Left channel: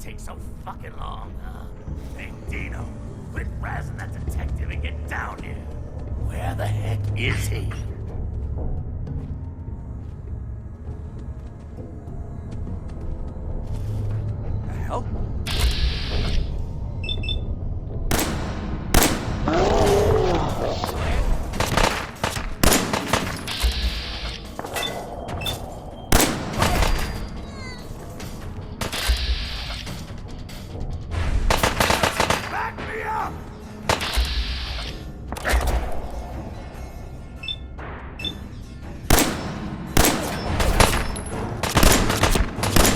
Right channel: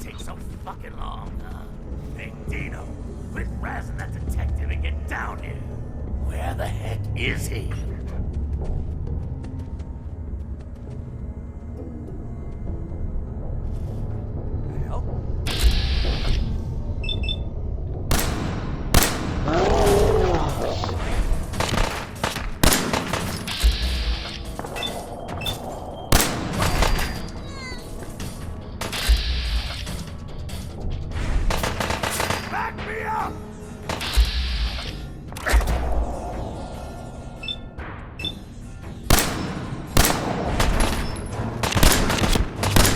take so fucking long, huh? Hey, Dino, quit razzing that detective and get down here. Where the heck is he? The hell? Back me up!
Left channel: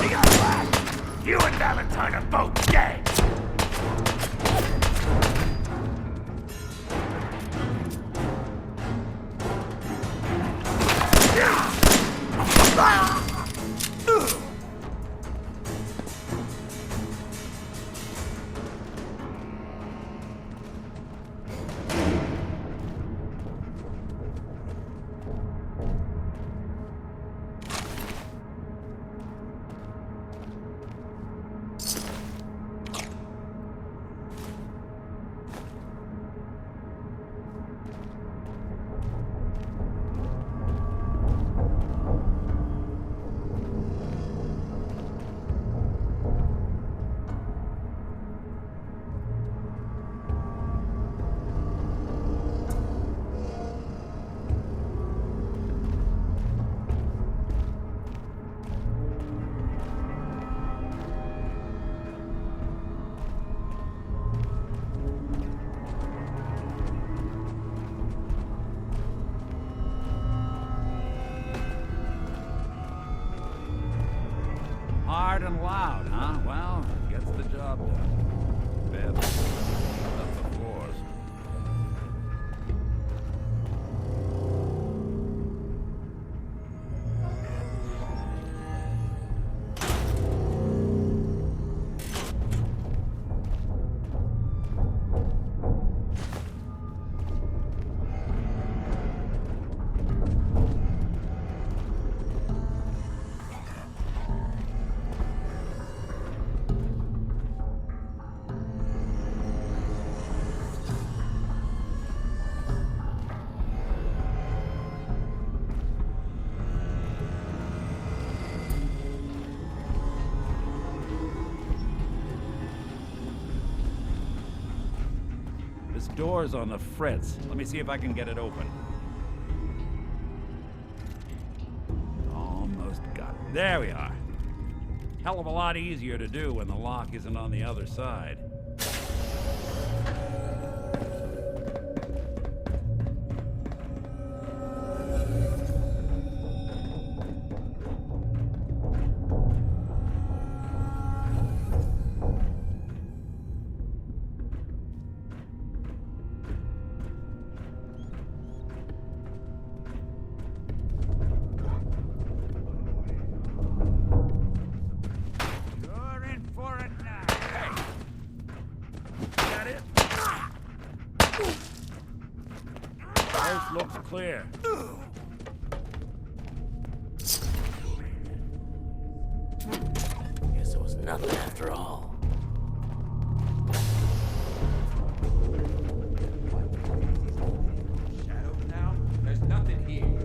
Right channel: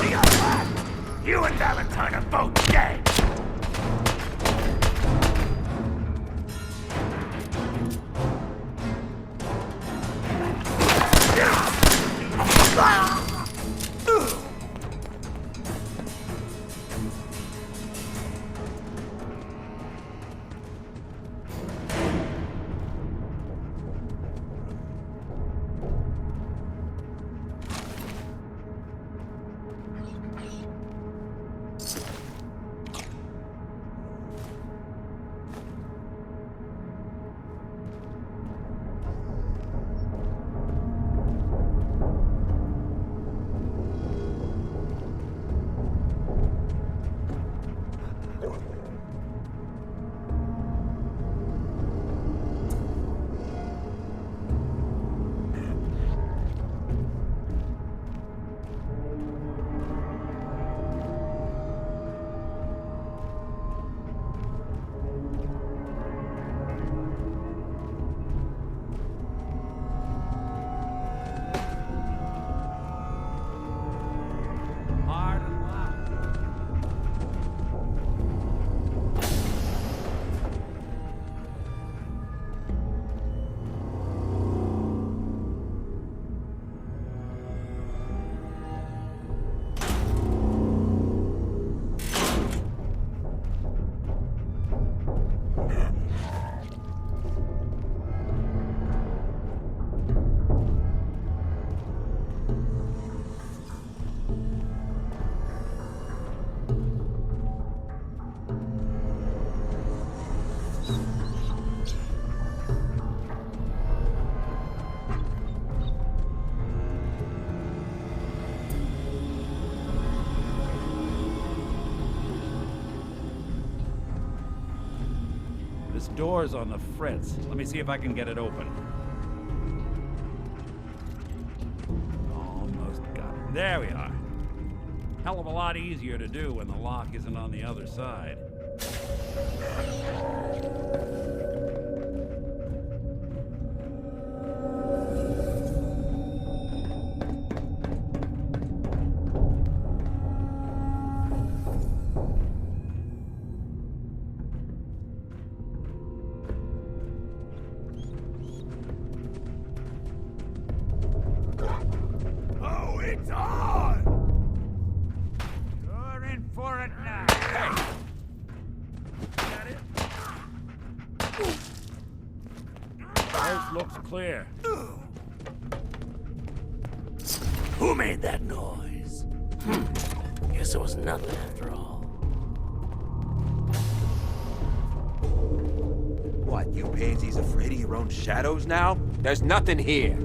He got whacked! You and Valentine are both dead! Hard and loud, huh? Well, gets the job done. Bad. Of course. This door's on the fritz. Let me see if I can get it open. Almost got it. There we are. Hell of a lot easier to do when the lock isn't on the other side. Oh, it's on! You're in for it now. Hey! Got it? Coast looks clear. Who made that noise? Guess it was nothing after all. What, you pansies afraid of your own shadows now? There's nothing here.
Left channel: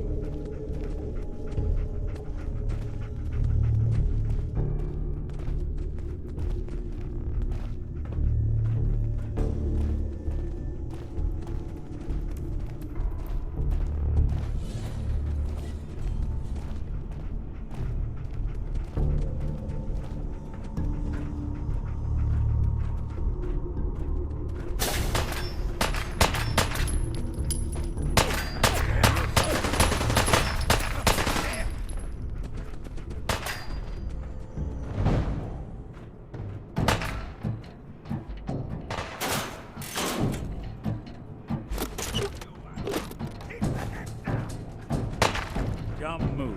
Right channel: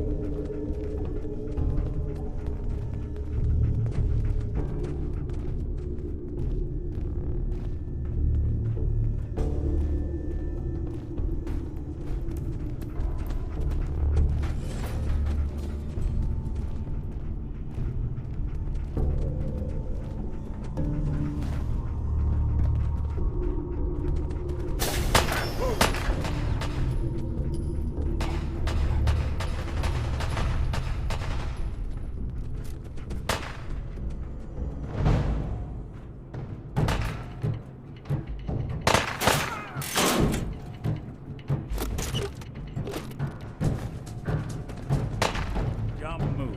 Jump move.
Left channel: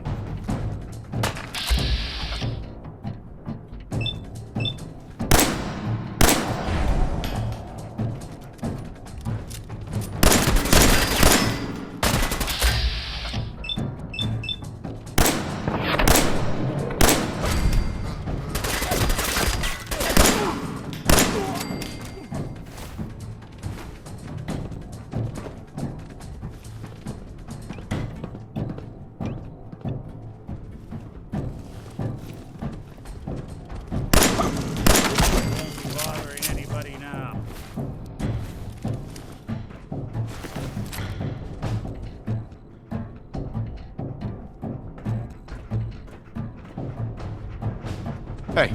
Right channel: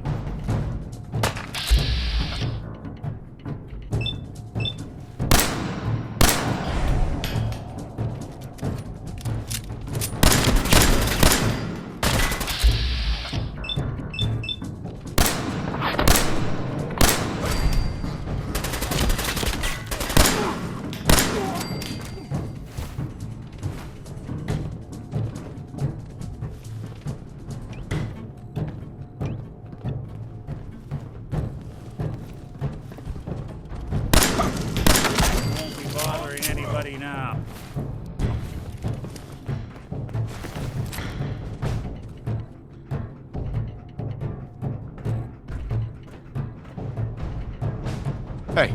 Hey.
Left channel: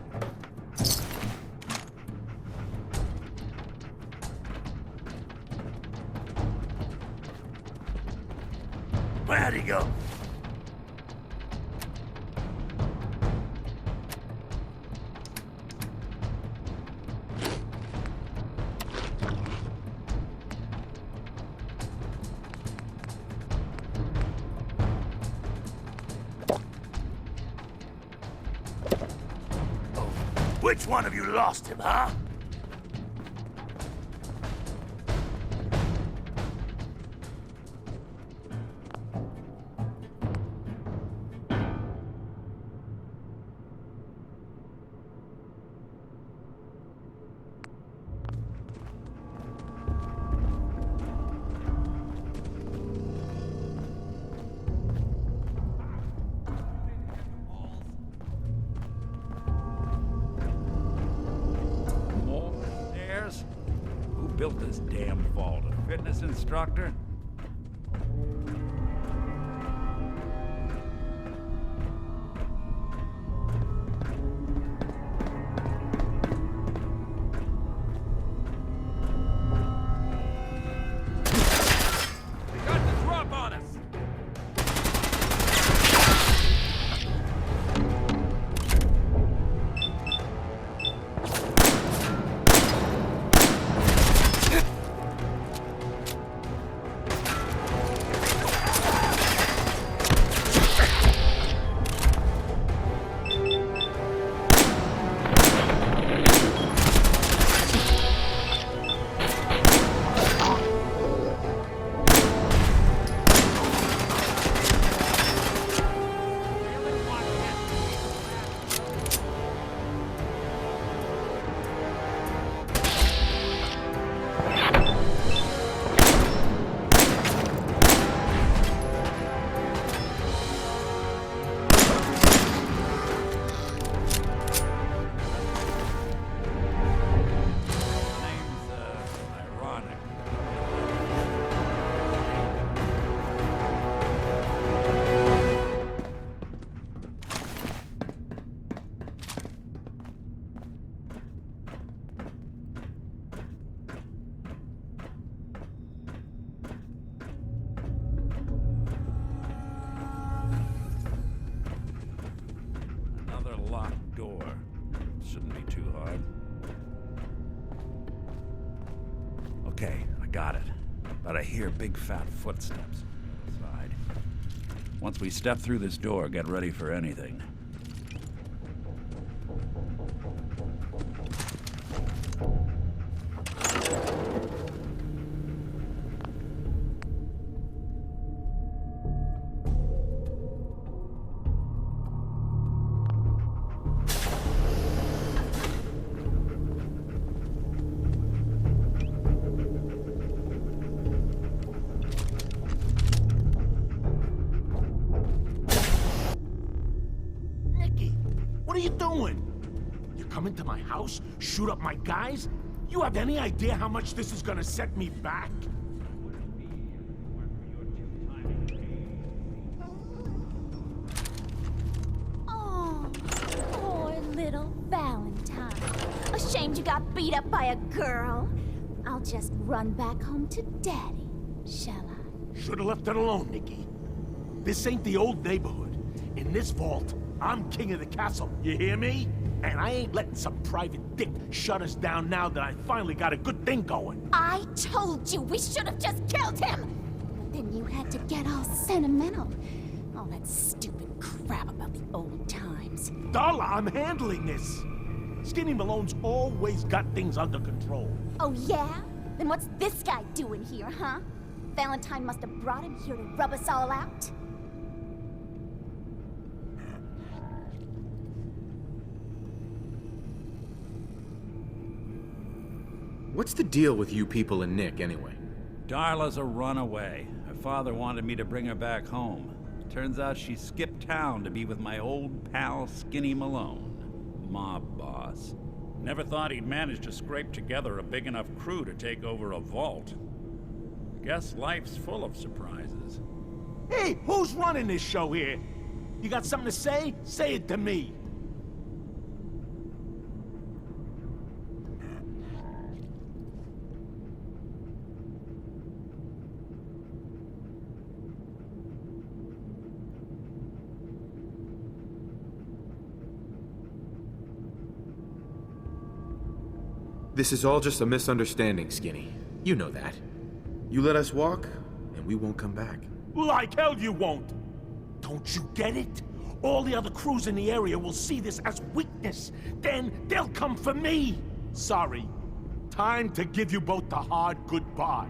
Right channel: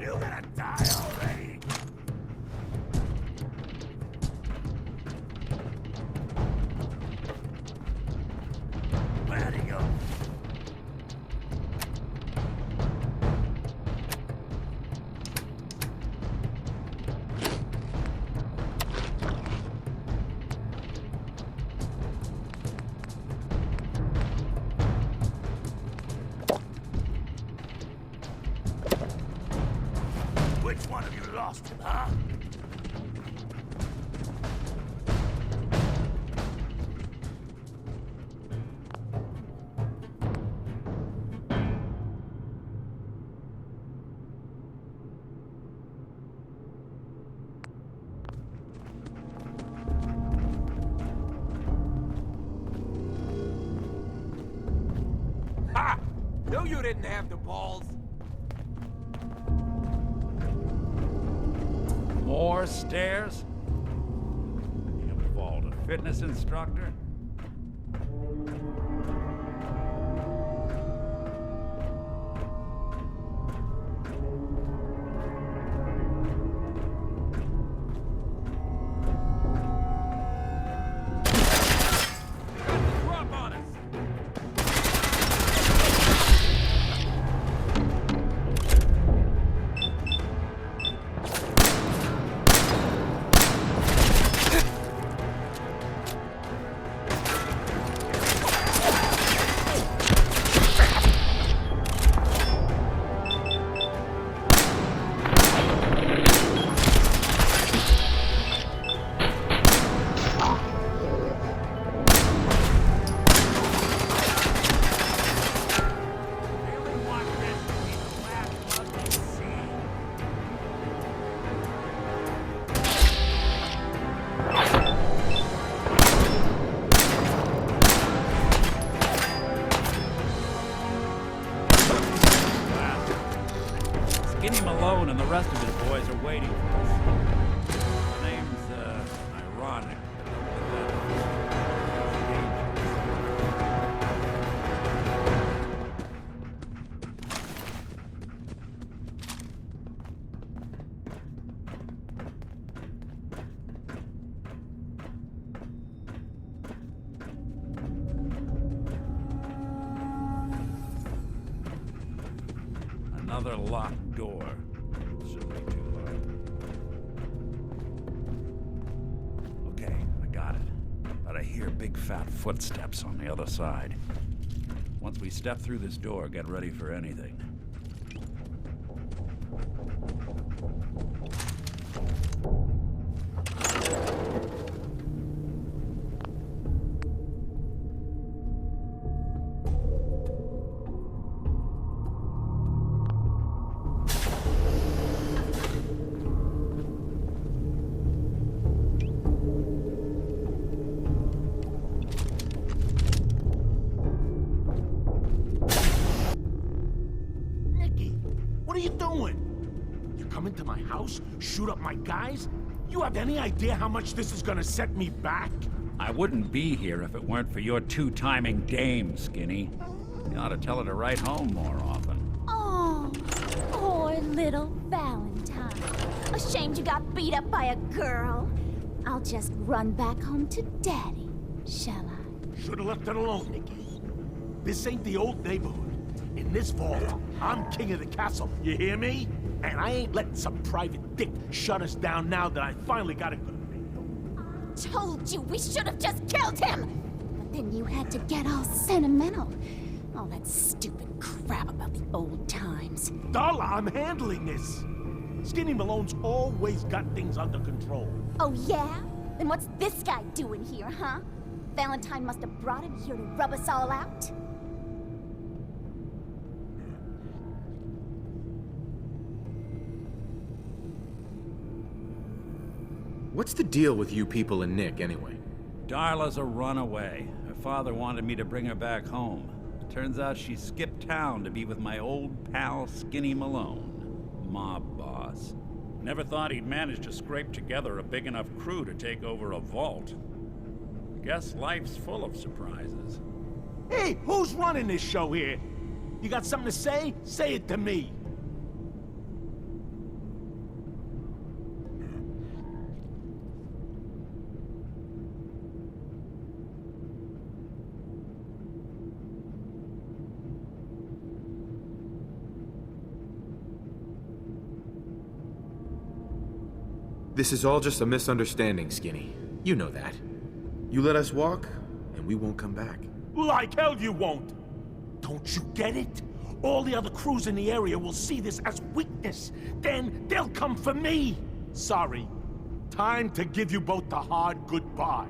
You gonna die already? Where'd he go? Which one of you lost him, huh? Ha! No, you didn't have the balls. More stairs? Who built this damn vault? A fitness instructor? They got the drop on us. Skinny Malone and the rest of his boys are waiting for us. The name's, ironic, but don't let that fool you. It's dangerous. Another locked door. Shouldn't be too hard. Okay, I got it. But I hear big fat footsteps on the other side. Once we step through this door, get ready for anything. Nicky, what are you doing? You come into my house, shoot up my guys? You have any idea how much this is gonna set me back? I wouldn't be here if it weren't for your two-timing dame, Skinny. You ought to tell her to write home more often. Oh, poor little Valentine. Ashamed you got beat up by a girl. I'll just run back home to Daddy, shall I? Should've left it alone, Nicky. This ain't the old neighborhood. In this vault, I'm king of the castle, you hear me? And I ain't letting some private dick shut us down now that I finally got a good thing going. I told you we should have just killed him! But then you had to get all sentimental. All that stupid crap about the old times. Darla, I'm handling this. Skinny Malone's always got things under control. Oh yeah? Then what's this guy doing here, huh? Valentine must have brought him here to rub us all out? What's the deal with you people and Nick, anyway? Darla's a runaway. Her father wanted me to bring her back home. Turns out she skipped town to be with my old pal Skinny Malone, mob boss. Never thought he'd manage to scrape together a big enough crew to take over a vault. Guess life's full of surprises. Hey, who's running this show here? You got something to say? Say it to me. This is all just a misunderstanding, Skinny. You know that. You let us walk, and we won't come back. Like hell you won't! Don't you get it? All the other crews in the area will see this as weakness. Then they'll come for me! Sorry. Time to give you both the hard goodbye.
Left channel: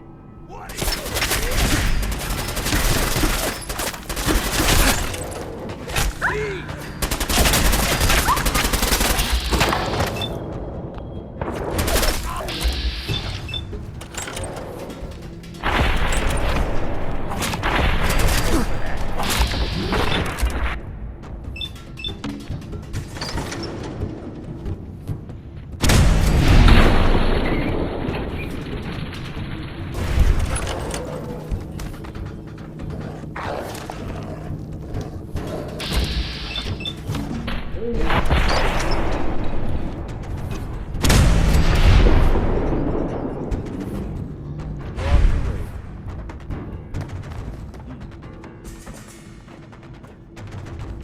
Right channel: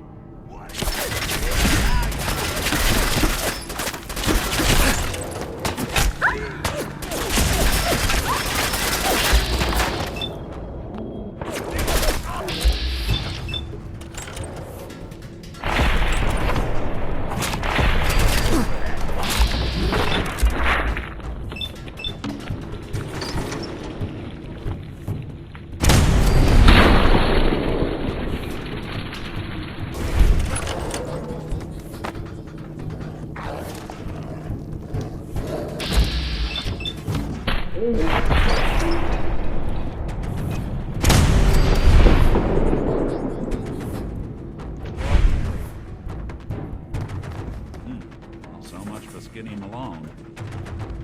So much for Skinny Malone.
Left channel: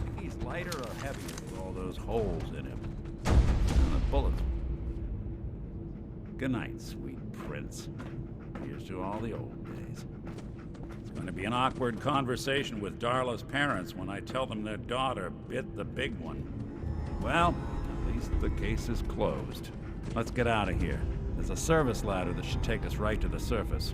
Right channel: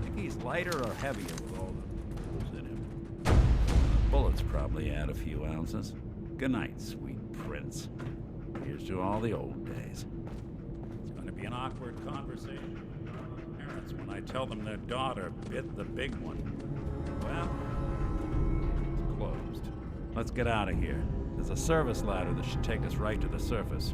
Think he's lighter or heavier with all those holes in him? The bullets probably add a few ounces. Good night, sweet prince. Here's to all the old days. It's going to be an awkward conversation with Darla's parents when I tell them their daughter bit the big one. Well, at least the case is closed. Let's get out of here. There's a service ladder that should take us right to the surface.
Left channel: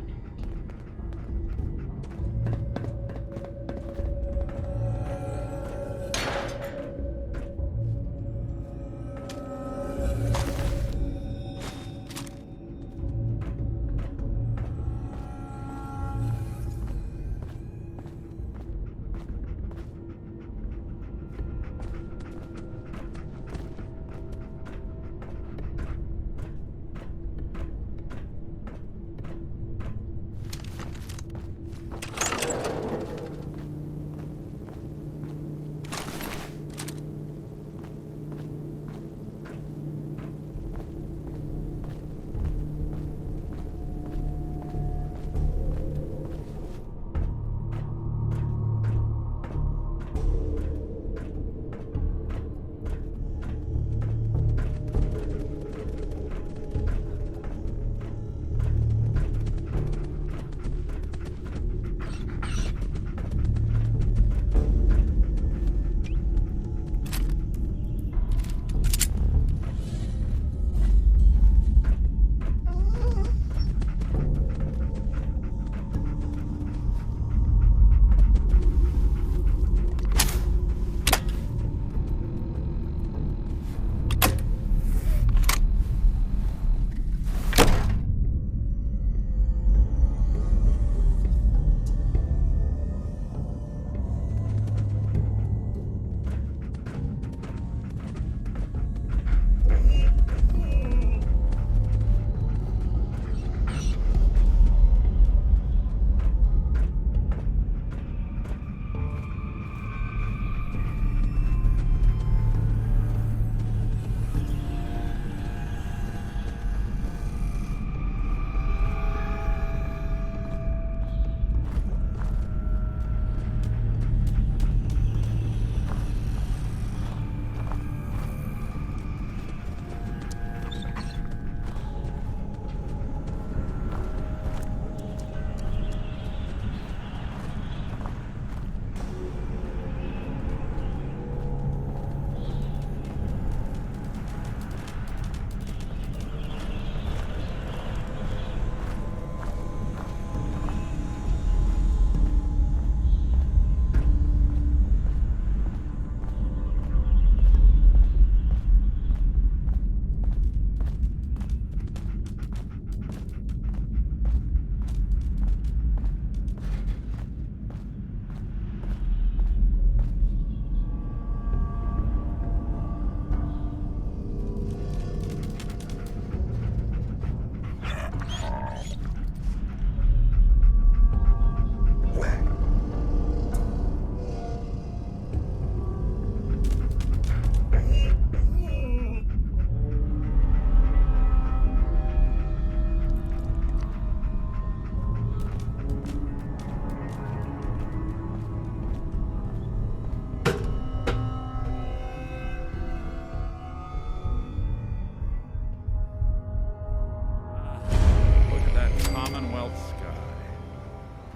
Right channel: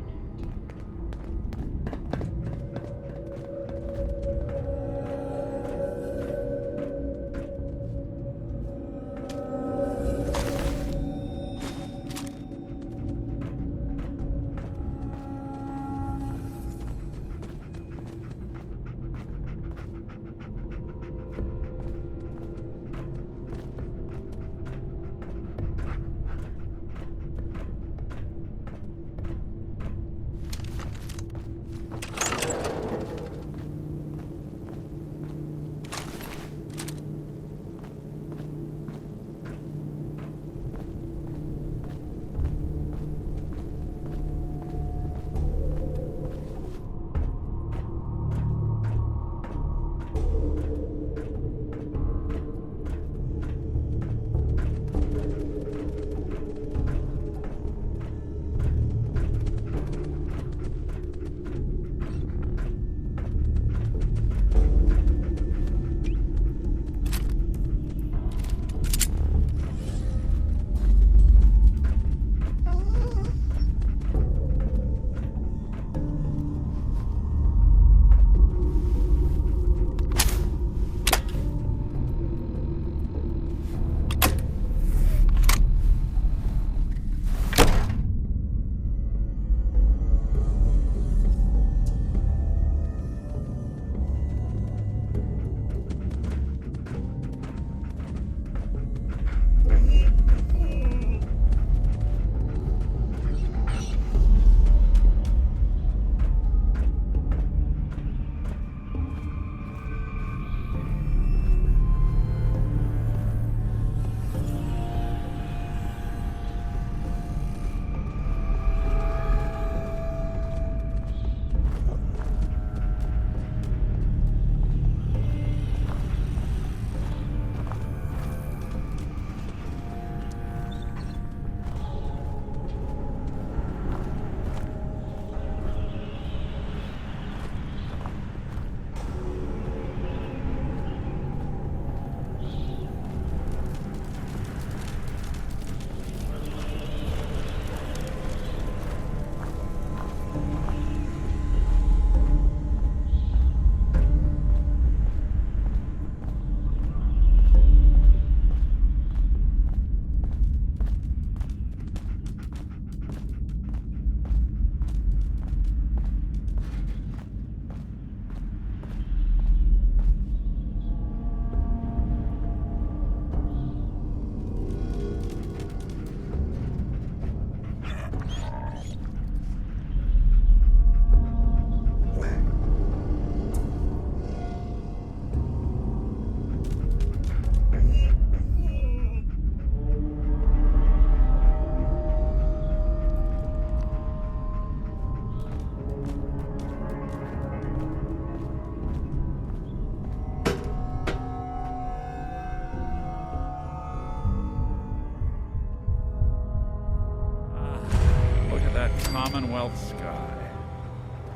Commonwealth sky.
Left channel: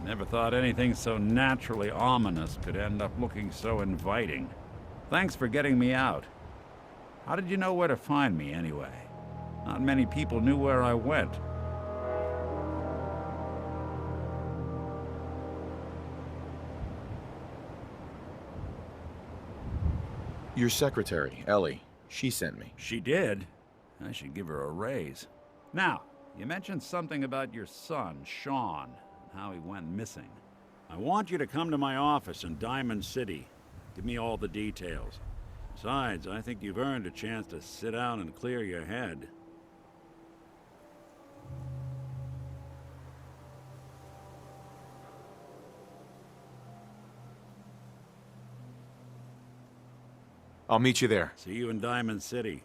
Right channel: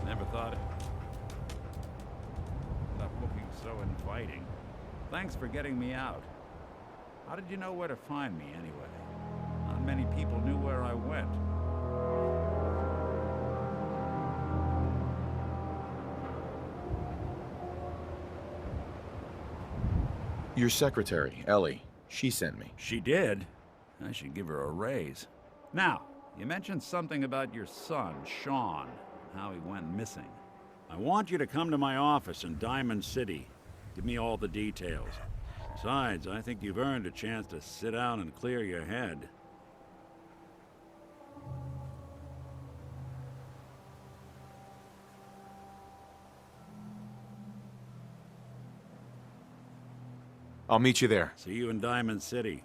Never thought anything so naturally ominous could end up looking so inviting. Thanks for getting me out. How did you know where to find me, anyway? Not many people knew where I went. Your secretary, Ellie, she sent me. She did? I should give her a raise. Now, you mentioned something about your son, Sean, and how he went missing. I want you to come to my office in Diamond City. Give me all the details. Besides, I think you've earned a chance to sit down and clear your head. I'll meet you there. See you in Diamond City.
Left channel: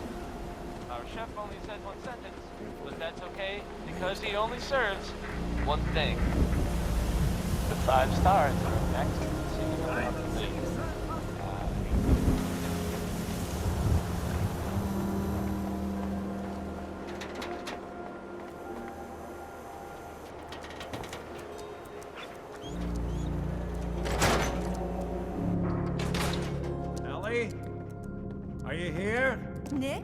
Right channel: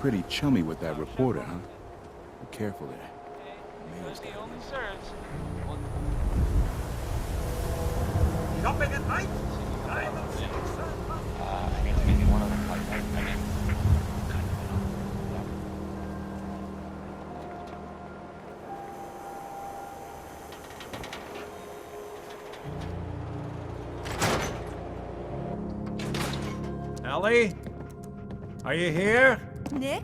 pretty chummy with that reporter, huh? Be careful there. That's okay, because he only serves one thing. The 5 stars. I need to give you one other contact. Ellie? Are you here? Nick?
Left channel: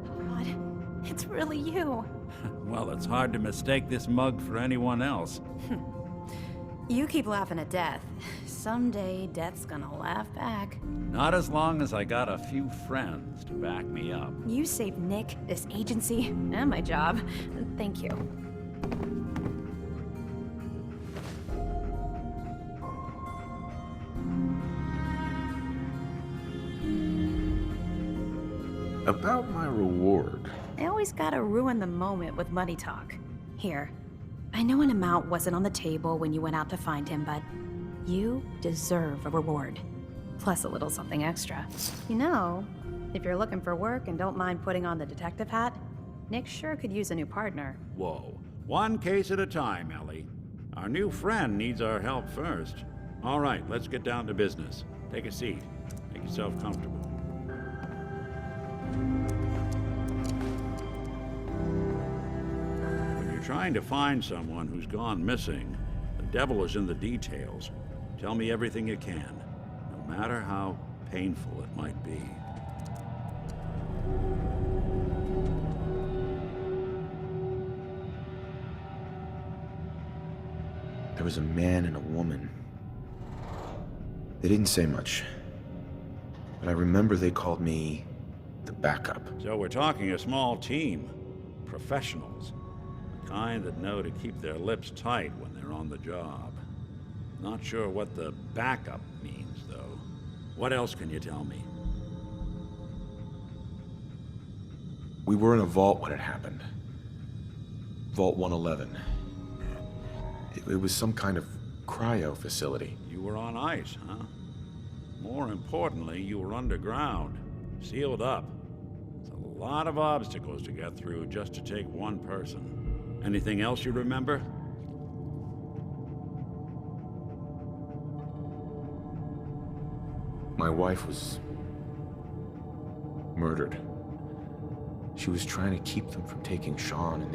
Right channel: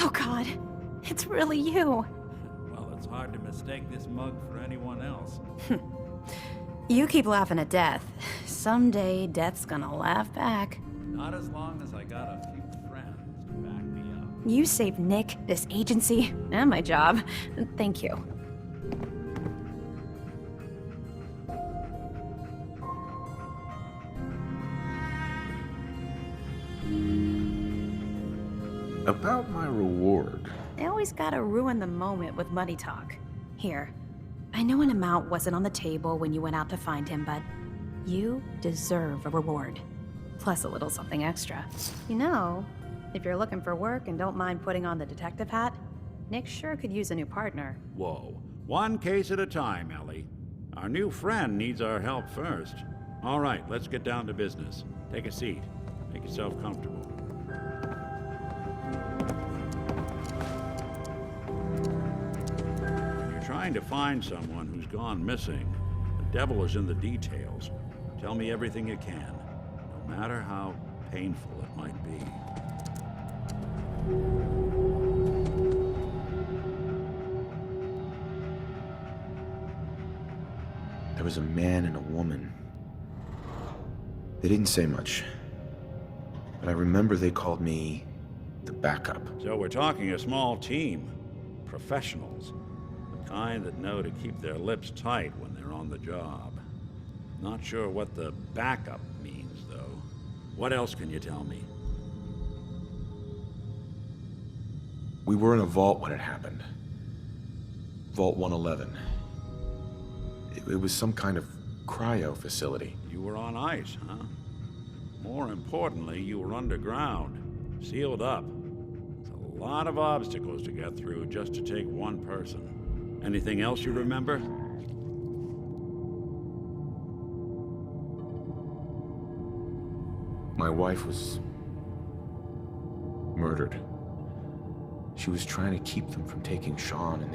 Oh God, it's really you. Well, it's hard to mistake this mug for anyone else. You keep laughing at death. Someday, death's gonna laugh back. Not as long as I got a few friends to back me up. You saved Nick, this agency, and my job. Thank you. About my reward. I always gotta ruin the moment with money talk. Here, I know an amount wasn't on the table when you went out to find him, but you deserve a reward. Plus a little something extra. You know, if you're looking for work and don't mind putting on the detective hat, Nick sure could use a new partner. Whoa. One case at a time, Ellie. Our new friend needs our help first. All right, let's get down to business. Take a seat. Make yourself comfortable. When you're trying to find someone who's gone missing, the devil is in the details. Tell me everything you can, no matter how painful it might be. There was a man and a woman. They didn't say much, but I remember they called me the backup. So we're talking a small team. Professionals. The kind that know to keep their lips tight when they're on the job. Not sure what the backup means, though. What else can you tell me? We were in a vault when it happened. Vault 111. It was some kind of cryo facility. You were on ice, huh? More importantly, you were underground, sealed up. It's a lot of obstacles to get through just to take one person. Anything else you remember? My wife was murdered. She was trying to keep them from taking Sean, and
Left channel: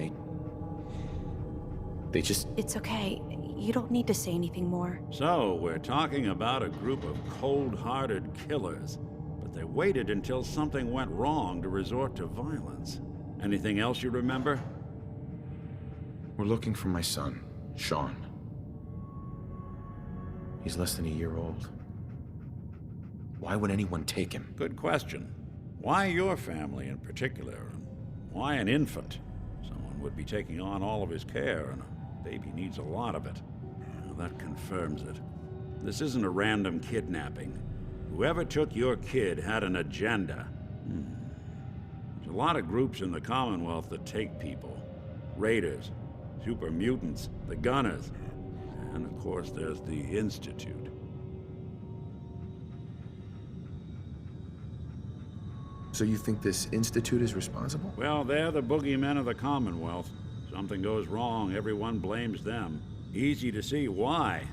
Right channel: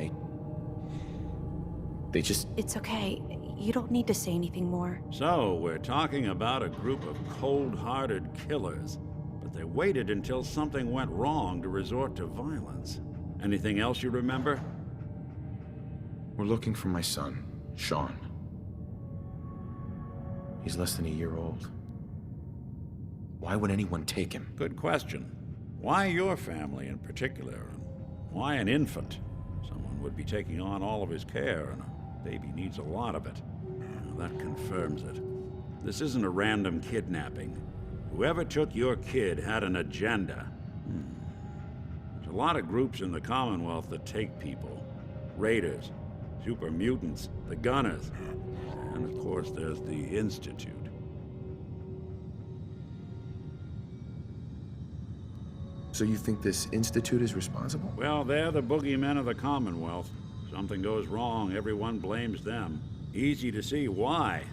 they just... It's okay. You don't need to say anything more. So, we're talking about a group of cold-hearted killers, but they waited until something went wrong to resort to violence. Anything else you remember? We're looking for my son, Sean. He's less than a year old. Why would anyone take him? Good question. Why your family in particular? And why an infant? Someone would be taking on all of his care, and a baby needs a lot of it. Now, that confirms it. This isn't a random kidnapping. Whoever took your kid had an agenda. There's a lot of groups in the Commonwealth that take people. Raiders, super mutants, the Gunners, and of course there's the Institute. So you think this institute is responsible? Well, they're the boogeymen of the Commonwealth. Something goes wrong, everyone blames them. Easy to see why.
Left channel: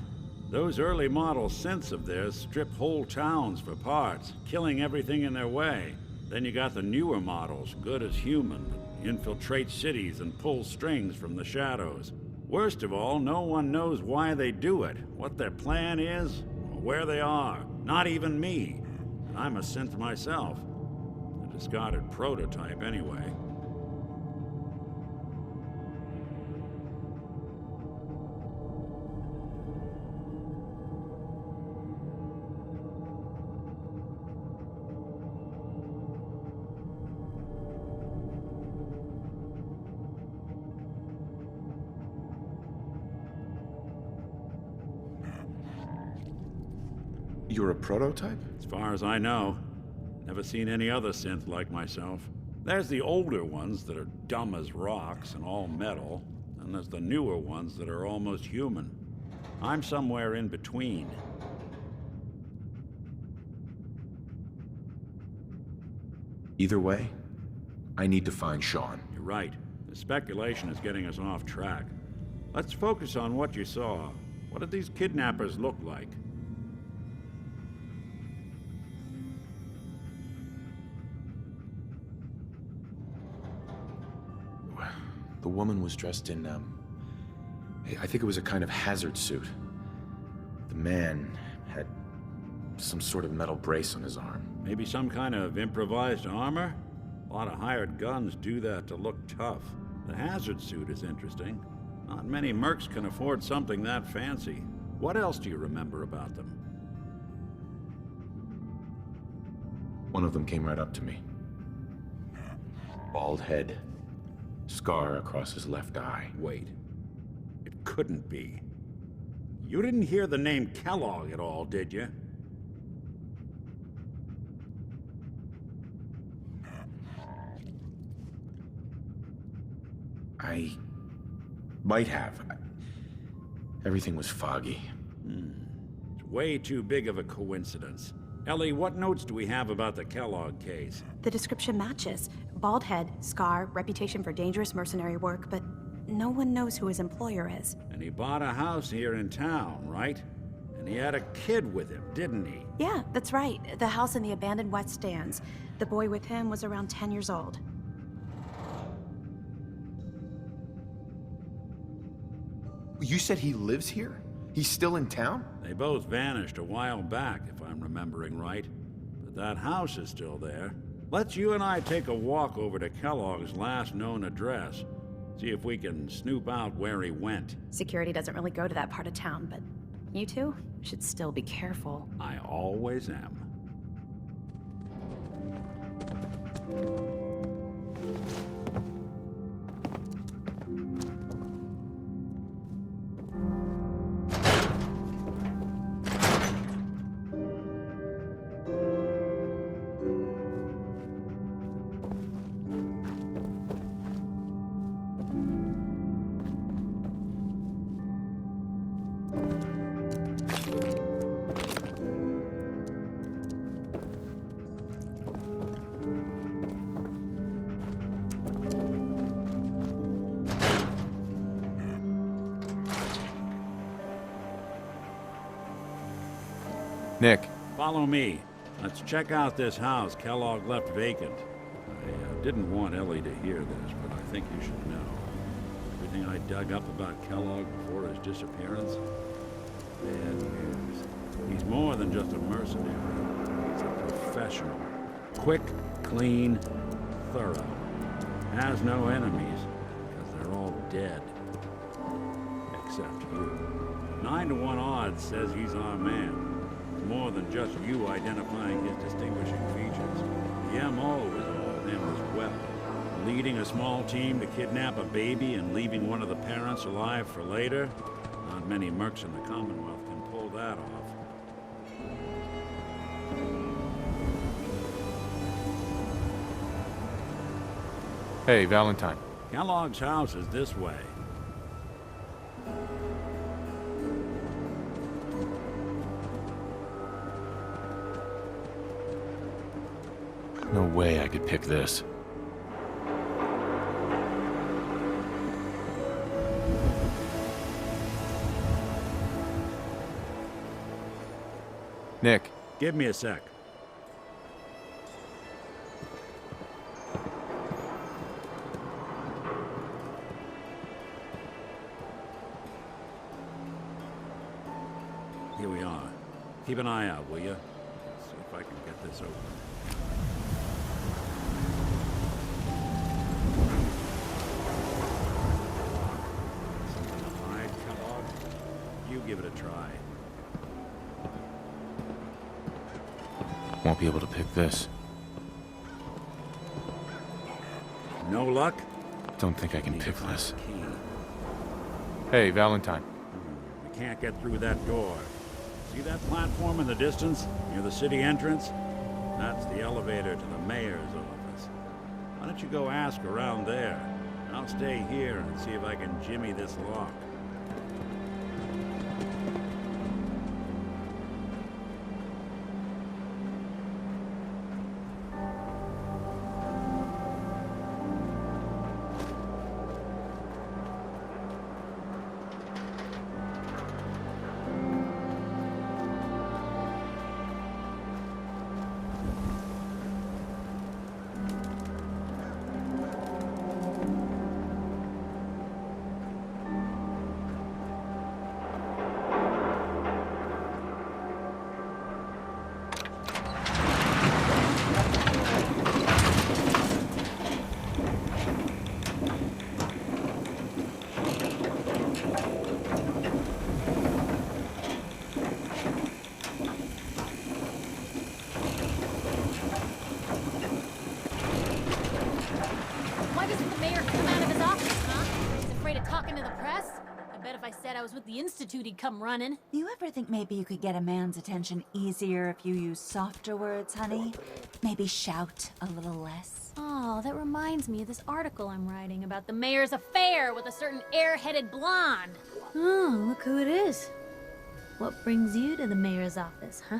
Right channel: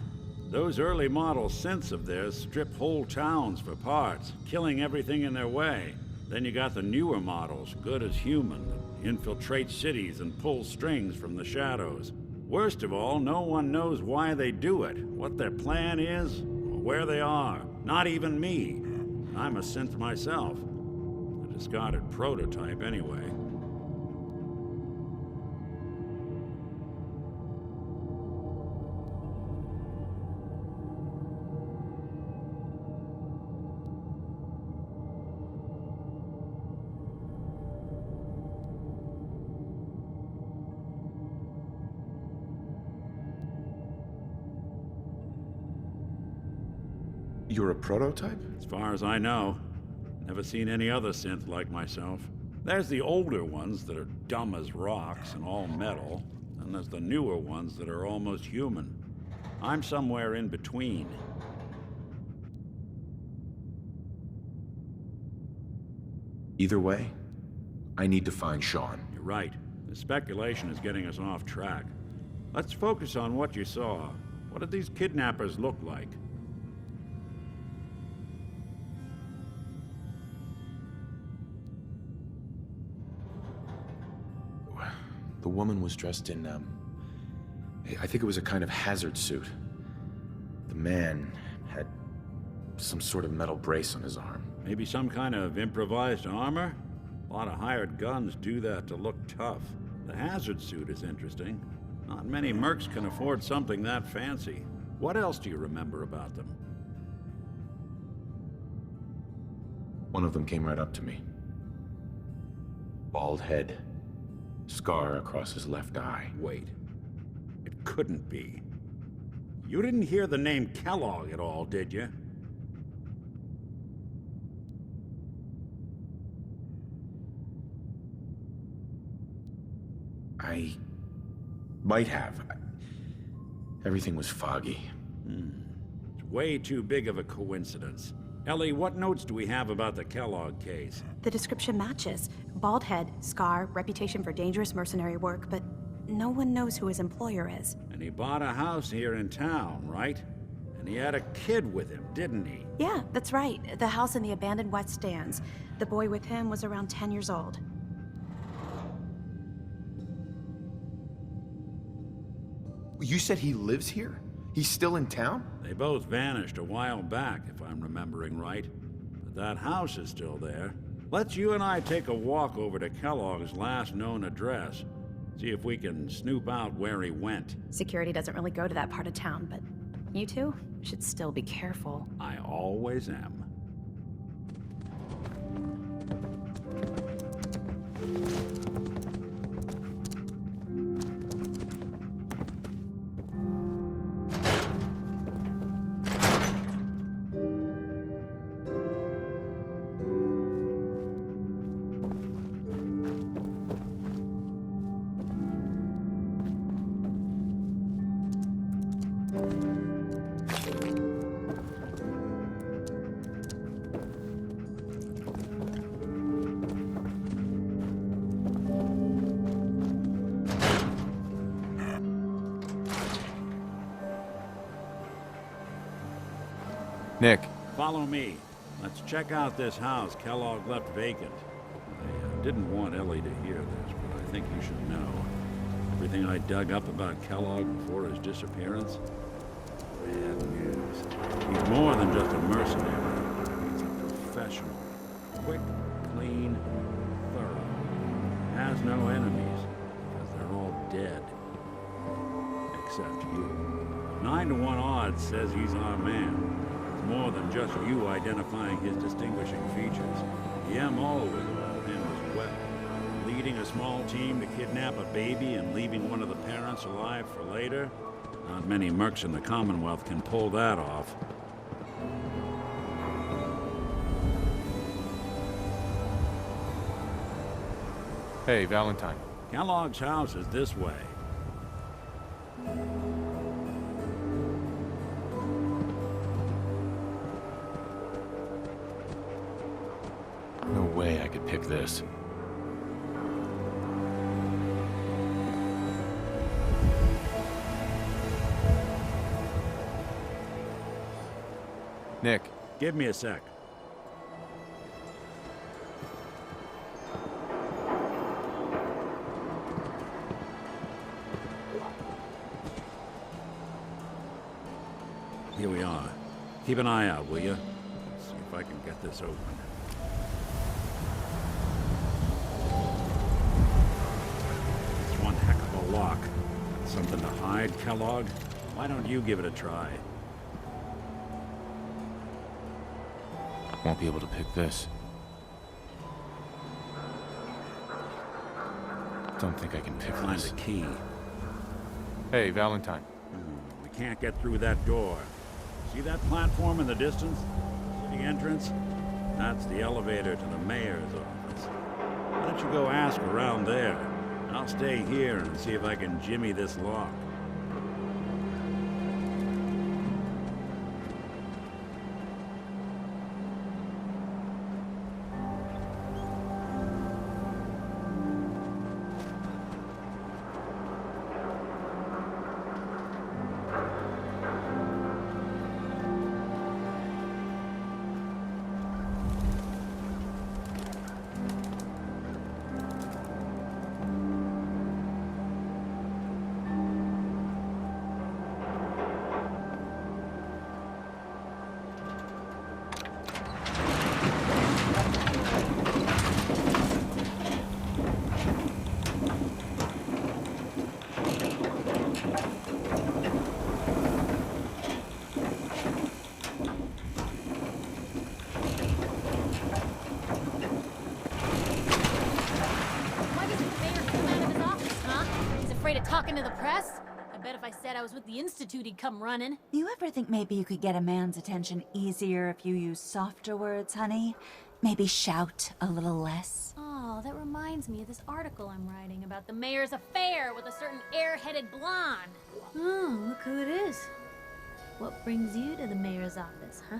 Those early model synths of theirs strip whole towns for parts, killing everything in their way. Then you got the newer models, good as human, that infiltrate cities and pull strings from the shadows. Worst of all, no one knows why they do it, what their plan is, or where they are. Not even me. I'm a synth myself. A discarded prototype, anyway. You're a prototype? As far as I know. Never seen any other synth like myself. There's the older ones that are dumb as rocks and all metal, and there's the newer ones that are almost human. I'm somewhere in between. Either way, I need to find Sean. You're right. The speculation is getting us off track. Let's focus on what you saw. What did these kidnappers look like? The woman was dressed in, I think it was a kind of hazard suit. The man had some sort of metal brace on his arm. Maybe some kind of improvised armor? A lot of hired guns do that to look tough. The hazard suit is interesting. Not many mercs can afford something that fancy. What else do you remember about them? One of them came right up to me. Bald head. Scar across his left eye. Wait. It couldn't be. You didn't hear the name Kellogg at all, did you? I might have. Everything was foggy. It's way too big of a coincidence. Ellie, what notes do we have about the Kellogg case? The description matches. Bald head, scar, reputation for dangerous mercenary work, but no one knows who his employer is. And he bought a house here in town, right? And he had a kid with him, didn't he? Yeah, that's right. The house in the abandoned West Stands. The boy with him was around 10 years old. You said he lives here? He's still in town? They both vanished a while back, if I'm remembering right. But that house is still there. Let's you and I take a walk over to Kellogg's last known address. See if we can snoop out where he went. Security doesn't really go to that part of town, but you two should still be careful. I always am. Nick, Follow me. Let's check out this house Kellogg left vacant. I didn't want Ellie to hear this, but I think you should know. Everything I dug up about Kellogg before his disappearance? Bad news. He's more than just a mercenary. He's a professional. Quick, clean, thorough. Has no enemies, because they're all dead. Except you. 9 to 1 odds says he's our man. It's more than just you identifying his distinguishing features. The MO is all him as well. Leading a small team to kidnap a baby and leaving one of the parents alive for later? Not many mercs in the Commonwealth can pull that off. hey, Valentine. Kellogg's house is this way. No way I could pick this. Nick, Give me a sec. Here we are. Keep an eye out, will you? See if I can get this open. It's one heck of a lock. Something to hide, Kellogg? Why don't you give it a try? Won't be able to pick this. No luck? Don't think I can Need to pick find this. the key. hey, Valentine. We can't get through that door. See that platform in the distance, near the city entrance? That's the elevator to the mayor's office. Why don't you go ask around there? I'll stay here and see if I can jimmy this lock. talking to the press? I bet if I said I was with the Institute, he'd come running. You ever think maybe you could get a man's attention easier if you use softer words, honey? Maybe shout a little less? Oh, that reminds me of this article I'm writing about the mayor's affair with a certain airheaded blonde. Oh, look who it is. What brings you to the mayor's office, huh?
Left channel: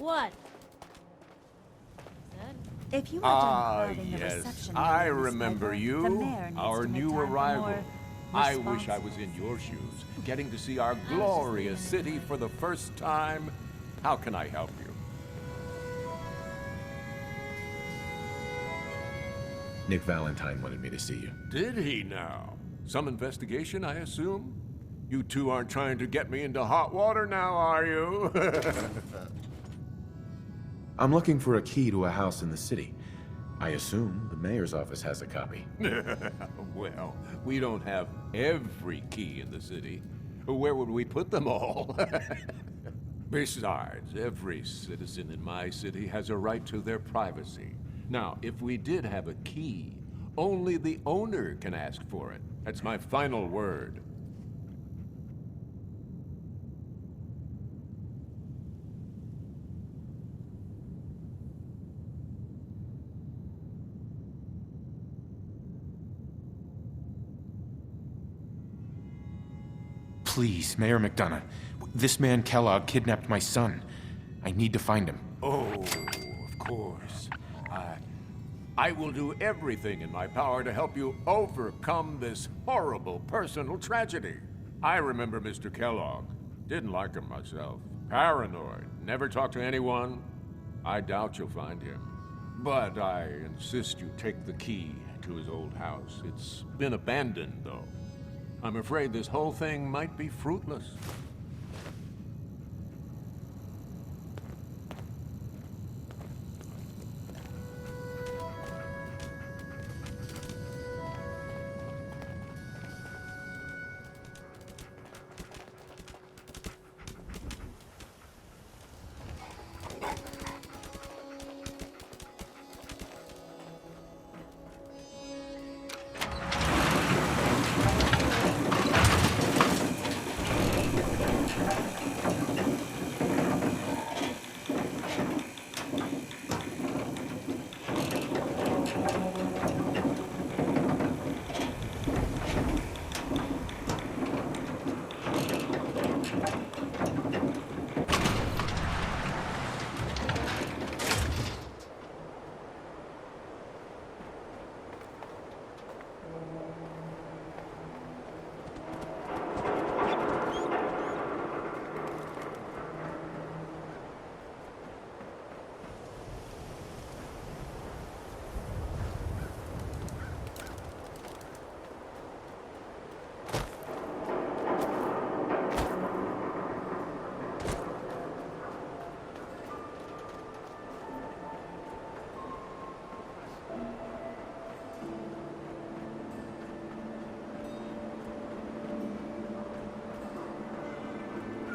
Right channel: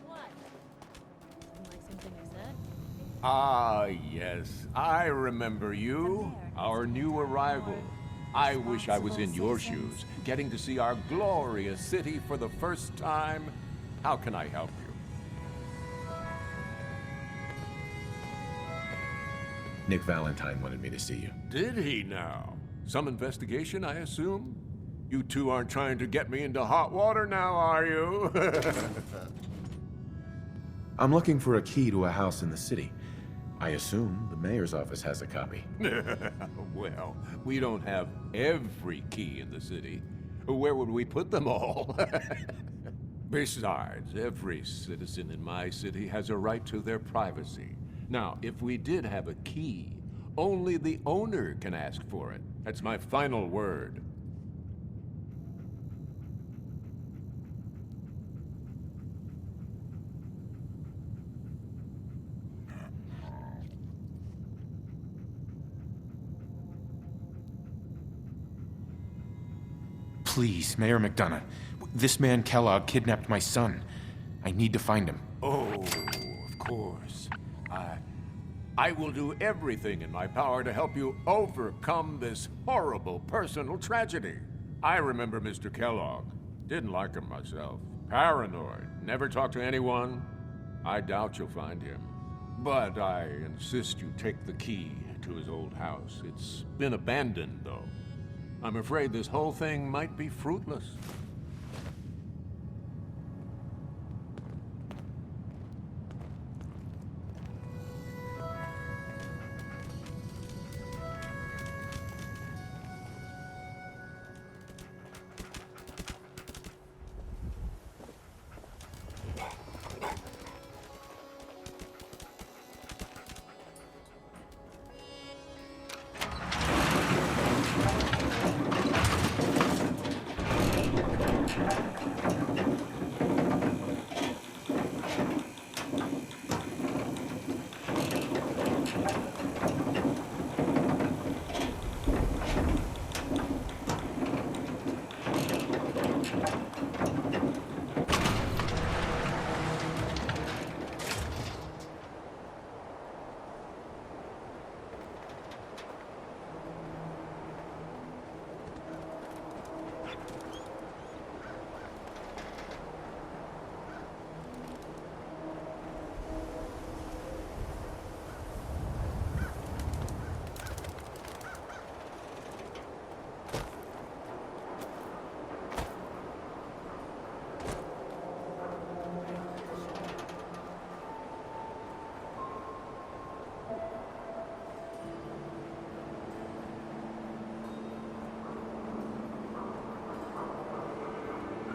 What? Like something I said? If you Ah, were to involve in the yes. reception I of this remember program, the you. mayor needs Our to make new time for arrival. more I wish I was in responsible your citizens. shoes, getting to see our glorious city for the first time. How can I help you? Nick Valentine wanted me to see you. Did he now? Some investigation, I assume? You two aren't trying to get me into hot water now, are you? I'm looking for a key to a house in the city. I assume the mayor's office has a copy. Well, we don't have every key in the city. Where would we put them all? Besides, every citizen in my city has a right to their privacy. Now, if we did have a key, only the owner can ask for it. That's my final word. Please, Mayor McDonough. This man Kellogg kidnapped my son. I need to find him. Oh, of course. I will do everything in my power to help you overcome this horrible personal tragedy. I remember Mr. Kellogg. Didn't like him myself. Paranoid. Never talked to anyone. I doubt you'll find him. But I insist you take the key to his old house. It's been abandoned, though. I'm afraid this whole thing might be fruitless.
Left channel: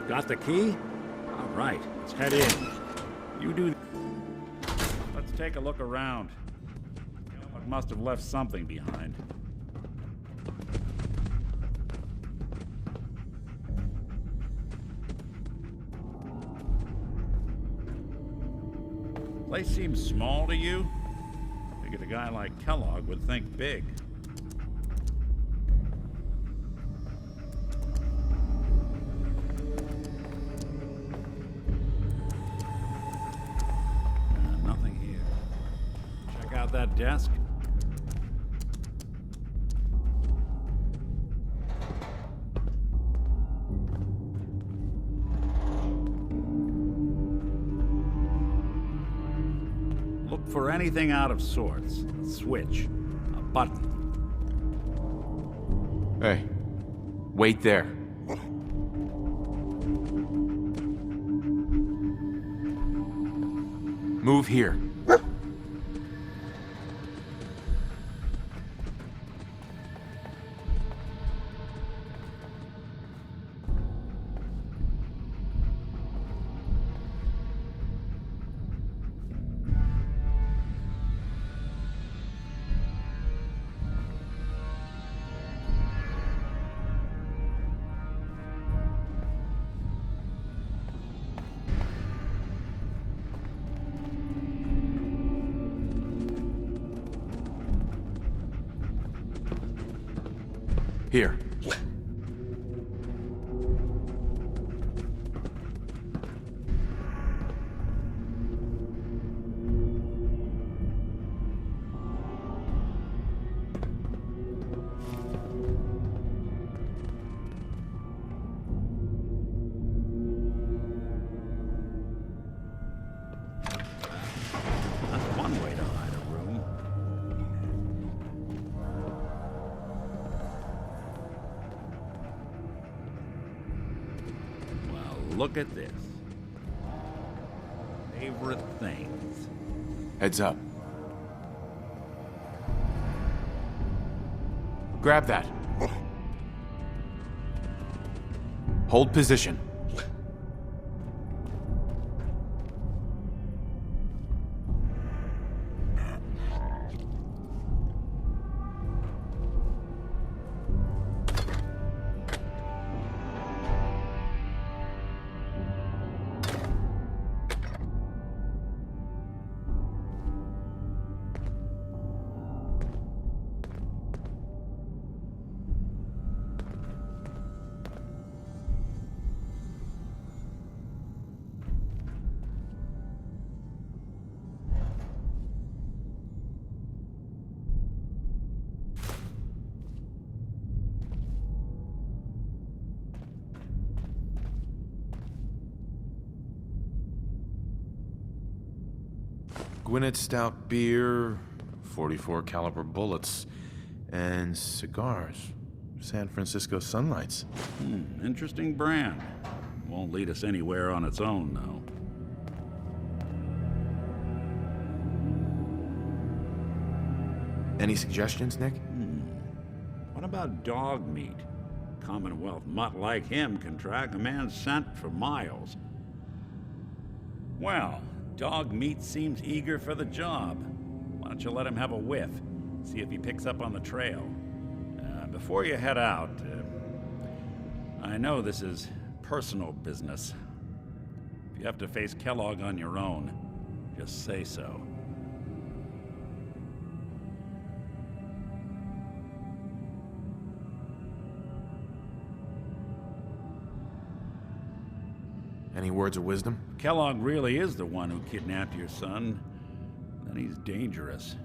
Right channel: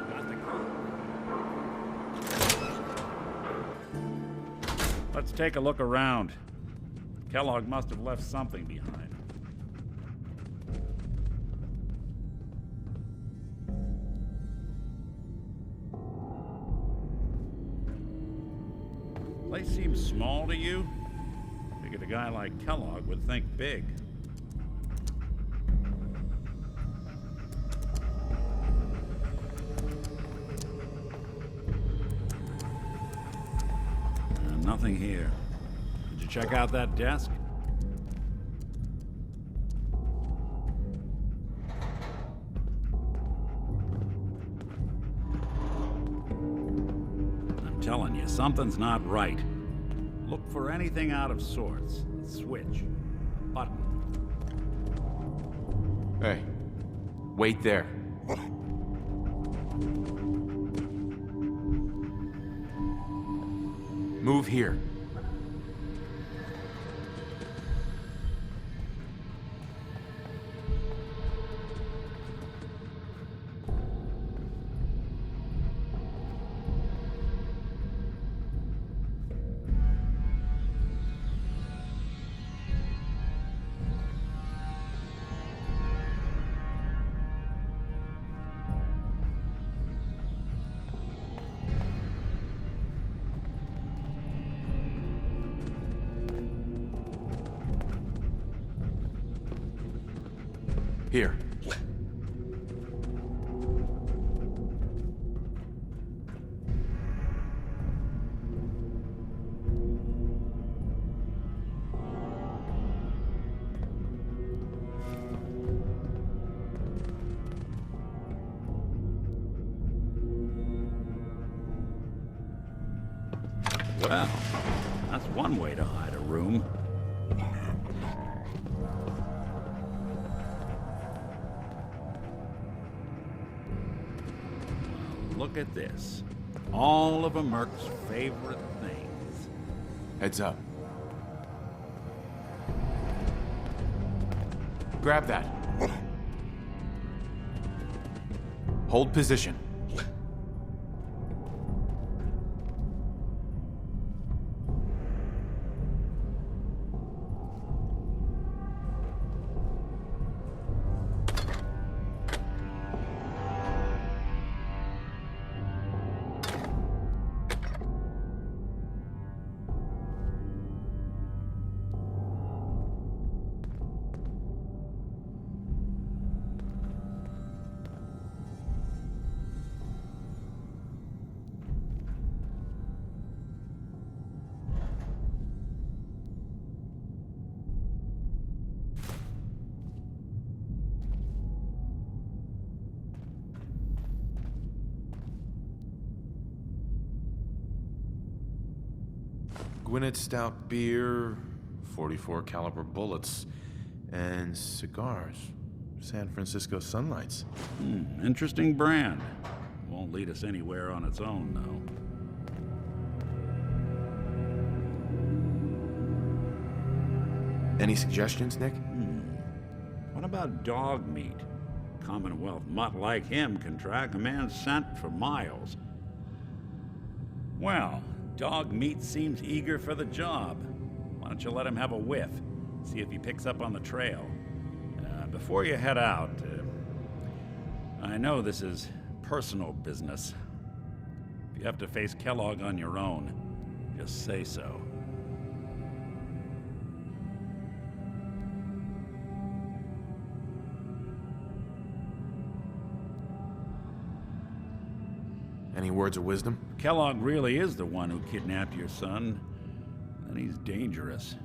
Got the key? Right, let's head in. You do... Let's take a look around. Kellogg must have left something behind. Place seems small to you? Figured a guy like Kellogg would think big. Nothing here. Did you check out that desk? I'm telling you, something's not right. Look for anything out of sorts. A switch. A button. Hey, wait there. Move here. Here. Well, that's one way to hide a room. Well, look at this. All of a Merc's favorite things. Heads up. Grab that. Hold position. Gwinnett Stout beer, 44 caliber bullets, and cigars. San Francisco Sunlights. Interesting brand. Won't lead us anywhere on its own, though. Any suggestions, Nick? What about dog meat? Commonwealth mutt like him can track a man's scent for miles. Well, dog meat seems eager for the job. Why don't you let him have a whiff? See if he picks up on the trail. Before you head out, I know this is personal business. If you have to face Kellogg on your own, just say so. Any words of wisdom? If Kellogg really is the one who kidnapped your son, then he's dangerous.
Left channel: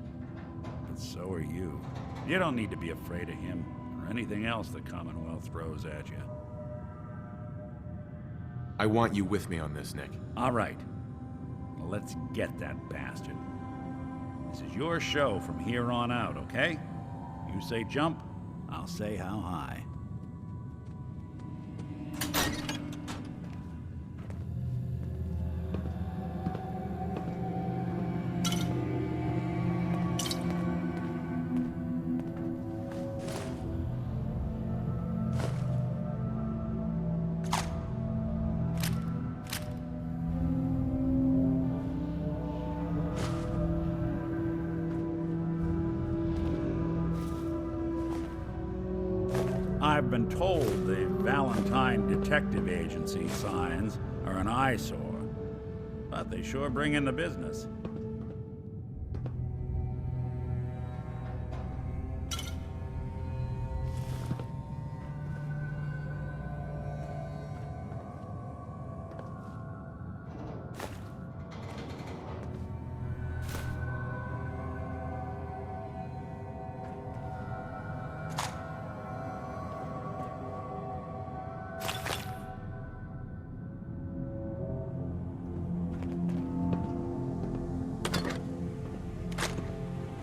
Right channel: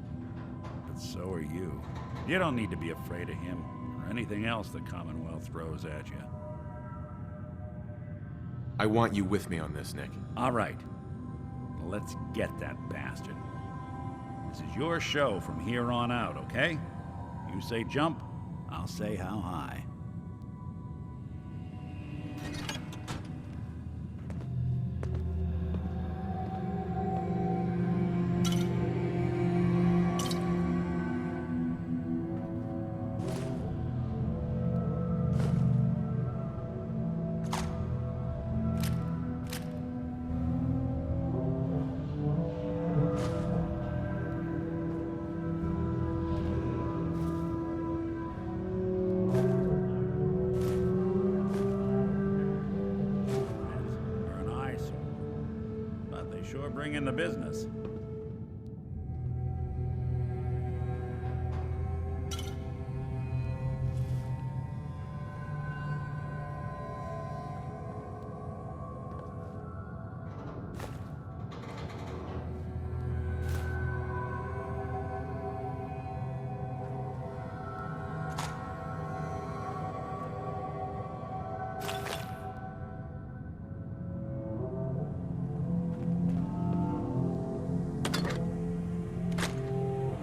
But so are you. You don't need to be afraid of him or anything else the Commonwealth throws at you. I want you with me on this, Nick. All right. Let's get that bastard. This is your show from here on out, okay? You say jump, I'll say how high. I've been told the Valentine Detective Agency signs are an eyesore, but they sure bring in the business.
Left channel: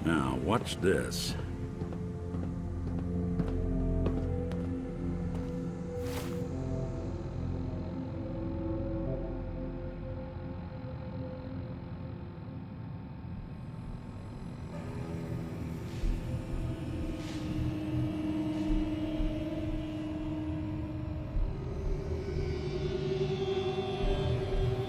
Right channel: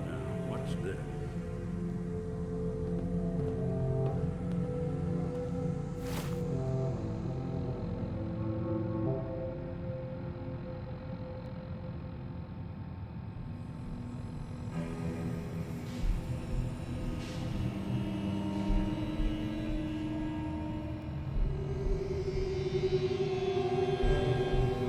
Now, watch this.